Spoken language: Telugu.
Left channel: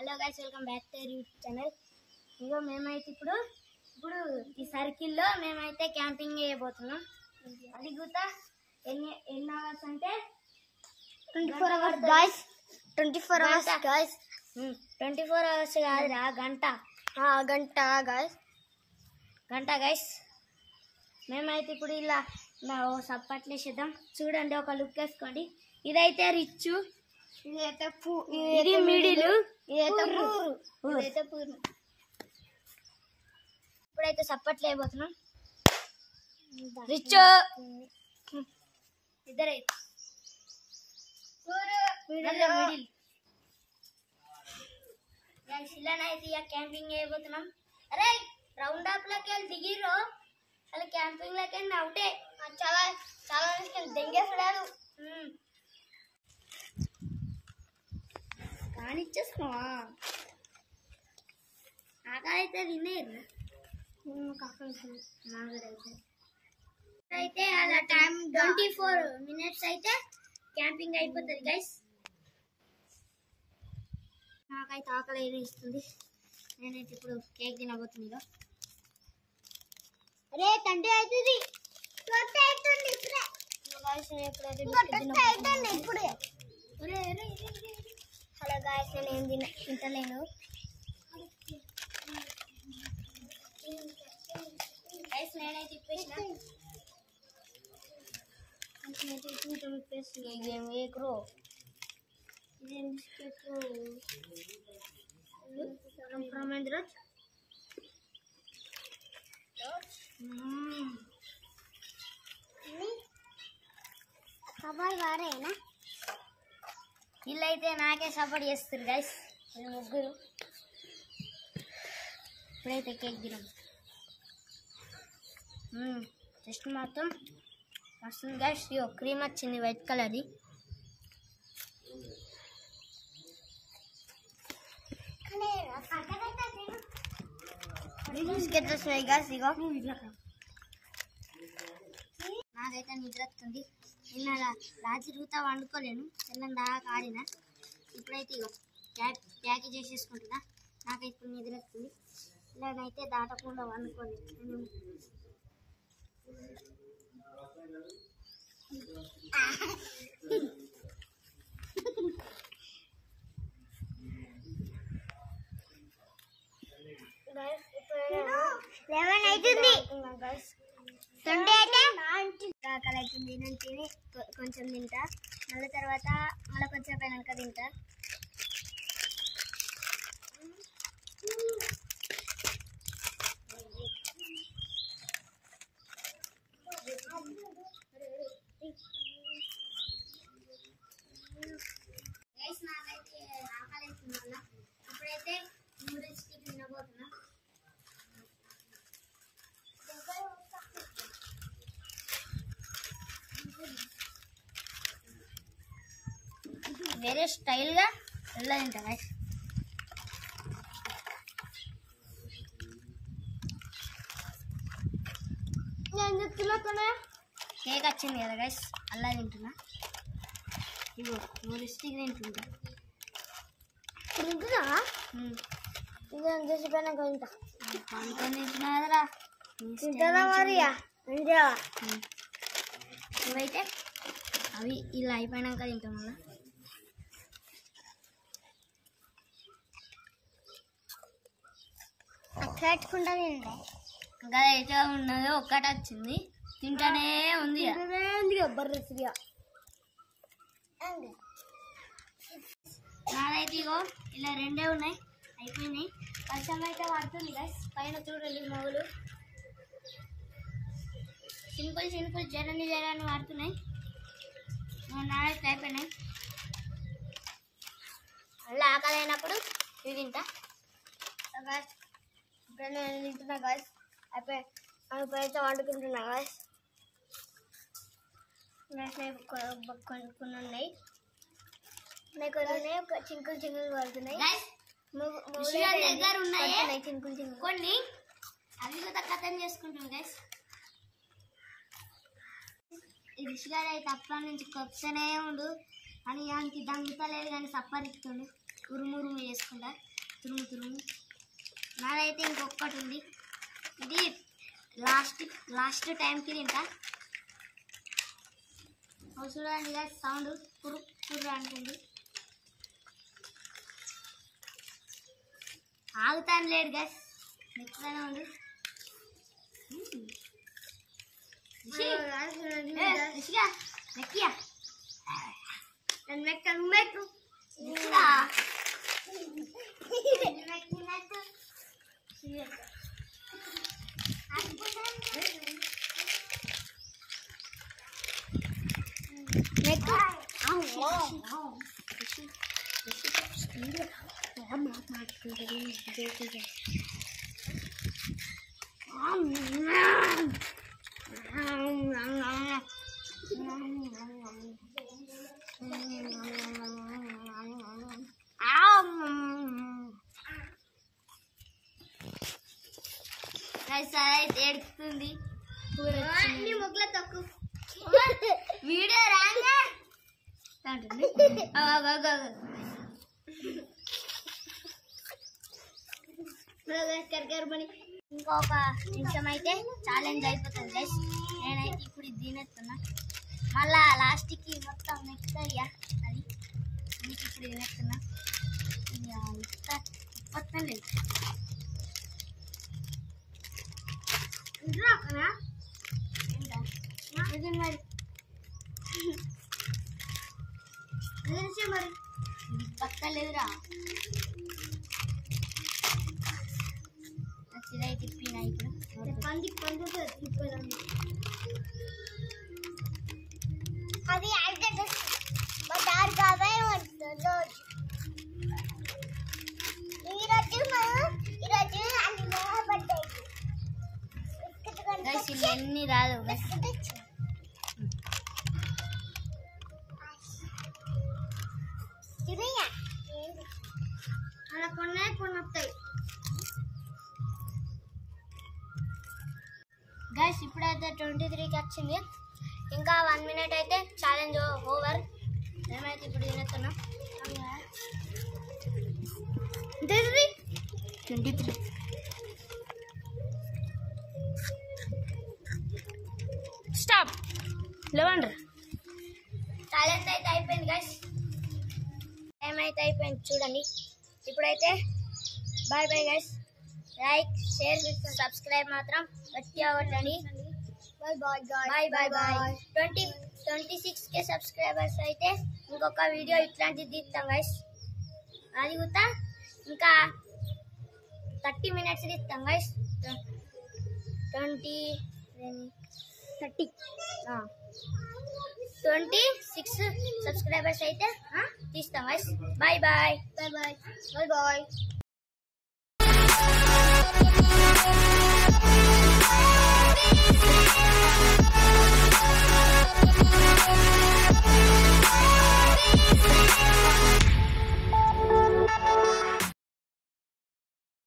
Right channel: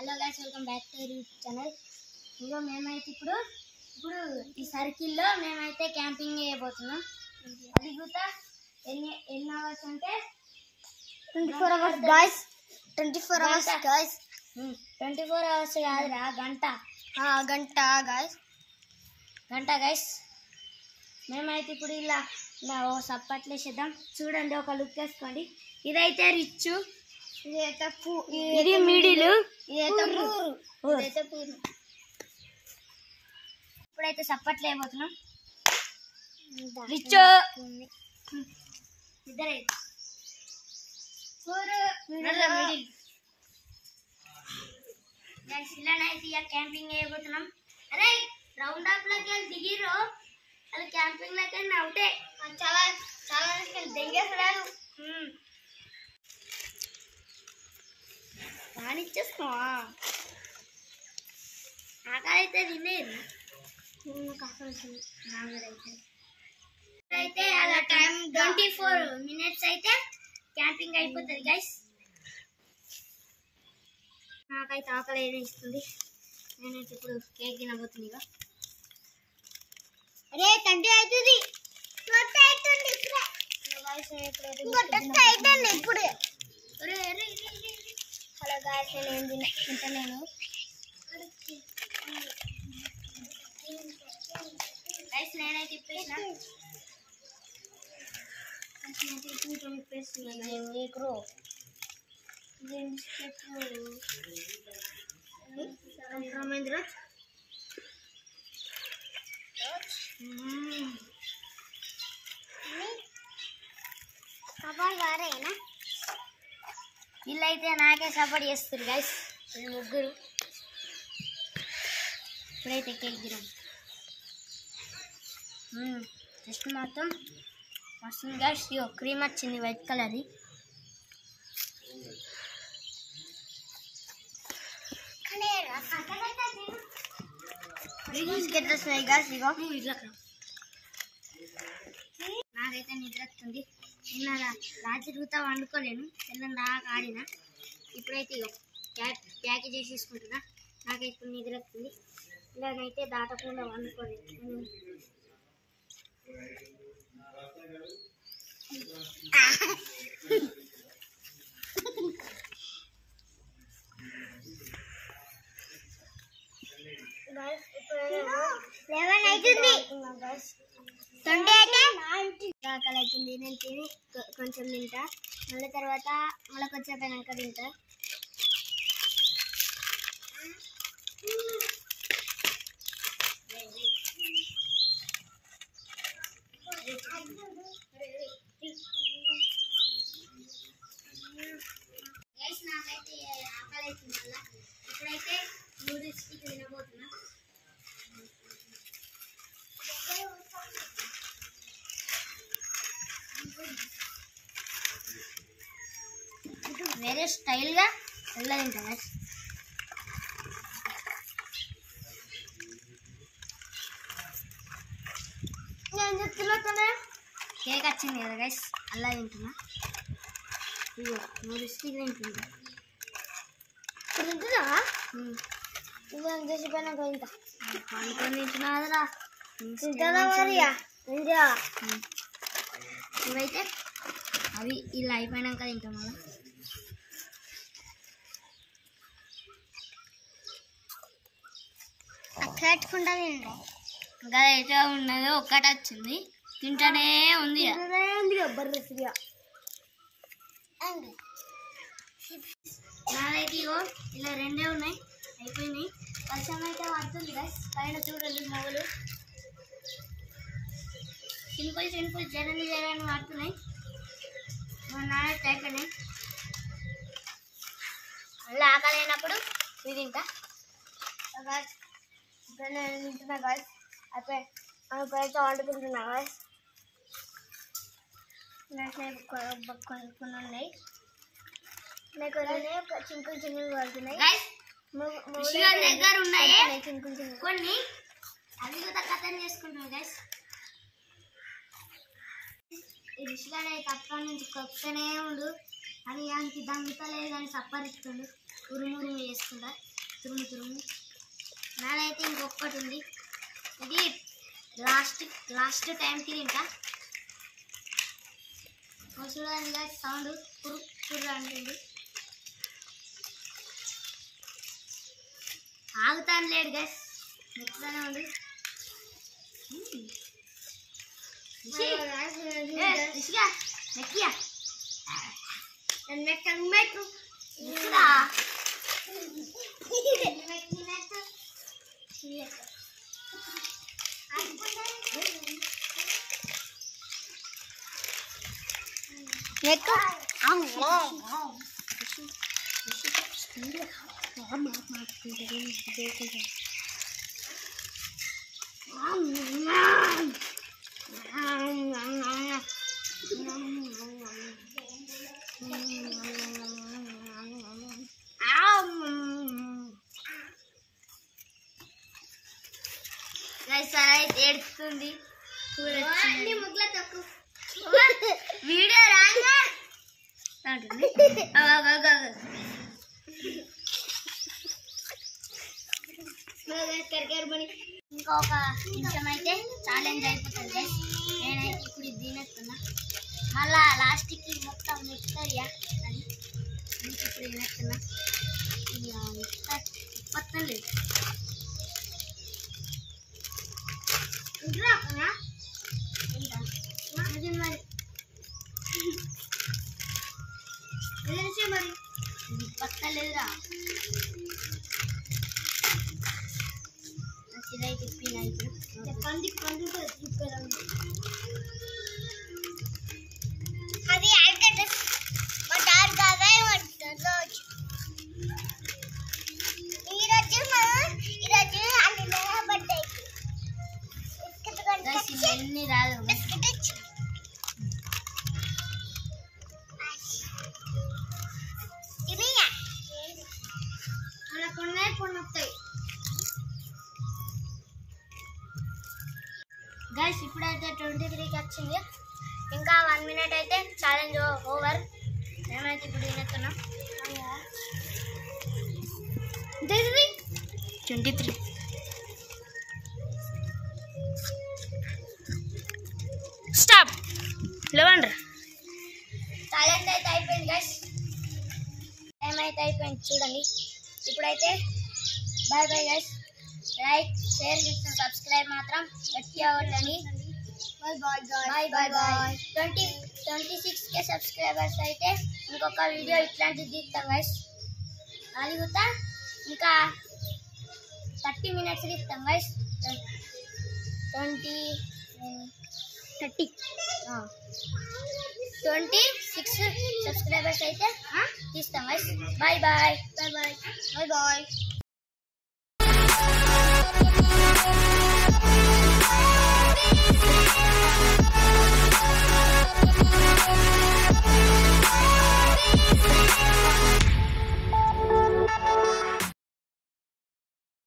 Hello guys, welcome back to YouTube channel. ఇగో మేమైతే ఇప్పుడు ఈ సర్కిల్లో మేమైతే క్యాంపింగ్ చేయబోతున్నాం. అది కూడా ఎన్ని అవర్స్ అంటే 24 hours guys. 24 hours guys. 24 hours కాదురా, గంట గాయ్స్. మేమైతే ఇప్పుడు ఇలా ఓ సప్పట్లు వేసేద్దాం. చూడండి, ఒక లుక్ వేసుకోండి. ఇదైతే రిచ్, ఇది మిడిల్, ఇదైతే పూరు. ఇప్పుడైతే సప్పట్లు అయిపోతున్నాం. Rich ఇద్దరైతే middle. ఇలానైతే ఇక క్యాంపింగ్ అయిపోతున్నాం. అరే రౌండ్ అప్ లోకి వెళ్ళి దిగిర్రు వాళ్ళు క్యాంపింగ్ లోకి వెళ్ళి అవుతే చాలా చాలా దెంగేసడారు. కానిచ్చేస్తావా? ఆకలైతే తినేది అయితే అలా టైం 24 minutes అయితే క్యాంపింగ్ అయిపోతుంది గైస్. నాకైతే ఆకలి వేస్తుంది. నేనైతే ఇప్పుడు కేక్ తినబోతుంది. ఇక అరే తండ్రి అవుతుంది ఇప్పుడు. హలో గాయస్, నేను తింటలేను. గైస్ నేనైతే ఇప్పేసిన ఎక్రో రమేంద్ర వీళ్ళైతే నాకే సపోర్ట్ చేస్తారు గైస్, ముగ్గురు. ఇప్పుడైతే కేక్ తినాం. జస్ట్ మొత్తం వస్తుంది గైస్. ఇగో క్రీమ్ వచ్చింది, వైట్ కలర్ది. వస్తున్నాయి గైస్. ఇగో నాకైతే నిద్ర వస్తుంది. నిన్న రాత్రి రూతా వండుకోలేను, తెల్లని దాకా ఆడిన. ఇప్పుడైతే ఇగో ప్యాకేజ్ చేసేసుకుంటున్నా. నాకైతే ఇప్పుడు నిద్ర వస్తుంది. ఇలానైతే దాటకుండా వండుకోలేదు. ఆకలి అవుతుంది. నేను తిని కొంచెం తింటా, మళ్ళీ తర్వాత మళ్ళీ కొంచెం అయినాక తింటా. నాకైతే ఆకలి అవుతుంది. మళ్ళీ ఇప్పుడైతే నూడిల్స్ తినబోతున్నా. వేరే స్టైల్గా వెళ్ళాలి కదా. నేను చెప్తున్నా కేక్ వచ్చింది కదా గైస్, అలా తింటున్నా. ఇగో నూడిల్స్ తింటుంటా. తింటున్నా ఇది చేసిపోయినాక తింటా. అనుకొని తింటున్నా కదరా, తింటుందా మరియా. ఇవైతే అవి ఇలా అయిపోయినాక తింటాం. అలా అట్లా ఇంకా అయితే ఉన్నది ఒక్కటి వచ్చింది, తింటానే ఉంది. నాదైతే ఇగో ఇలా రెండే ఉన్నాయి, అయిపోయినాయి. వర్షం అయితే పడుతుంది గైస్. పైన చూడండి మొగలు సింపుల్ జరాన్ని పడుతున్నాయి. నాదైతే అయిపోయినాయి. మళ్ళీ ఆకలి అయినప్పుడు ఇది తింటా. ఇప్పుడు నేను తింటున్నా గాయస్. అయిపోయి అయితే వండుకుంటున్నా గాయస్. కొన్ని ఉన్నాయి, చింకులు పడుతున్నాయి. కొన్ని అవి కూడా కథం చేసుకుంటాం గైస్. రిషిగాడు అయితే అప్పటి నుంచి కొత్తనే ఉండు అని దానికి దంగుతలేదు కానీ సప్పరిస్తుండు, ఉరుమురు చేసుకుంటా. అయితే ఇంకొకటి ఉంది, ఇది లాస్ట్ టైంకి తింటా. చూడండి గాయస్, సౌండ్ కుర్ర అంటుంది. ఆగుతాను లేడు గాయస్, మెత్తగానే ఉంది. ఏడుస్తుంది ముగ్గుల తక్కువ వీడియో రాగా ఇంకొక నిమిషం అయితే ఛాలెంజ్ అయిపోతుంది గైస్. నేనైతే ఇప్పుడు ఇది తినేస్తున్నా, మళ్ళా లాస్ట్కి మొత్తం మెత్తరియా అది ఇప్పుడు తినేస్తున్నా. మొత్తం లేదు మరి మరి పత్తలేదురా, నచ్చిదై తిప్పినా ఇప్పుడు పంది తిప్పదండి. అది ఎన్ని రాదు అలా కొన్ని వస్తాయి గైస్. ఇప్పుడైతే 23కి వచ్చింది, ఇంకా 1 minute అయితే ఛాలెంజ్ ఓవర్. మేమైతే ఇప్పుడు తినేస్తున్నాం. 23 స్టాప్. లేవండ్రా, ఛాలెంజ్ అయితే అయిపోయింది గైస్, ఏమైతే అయిపోయింది చూడండి. ఇప్పుడైతే bye bye guys. Like, share, subscribe మాత్రం గట్టిగా కొట్టండి. Bye bye bye. 26K subscribers అయితే ఇంకొక వీడియో ఇట్లాంటిది తీస్తాం గైస్. అది కూడా ఇంకా 30 minutes తీస్తాం గైస్. 26 సబ్స్క్రైబర్స్ అయితే తీస్తాం గైస్. Bye bye.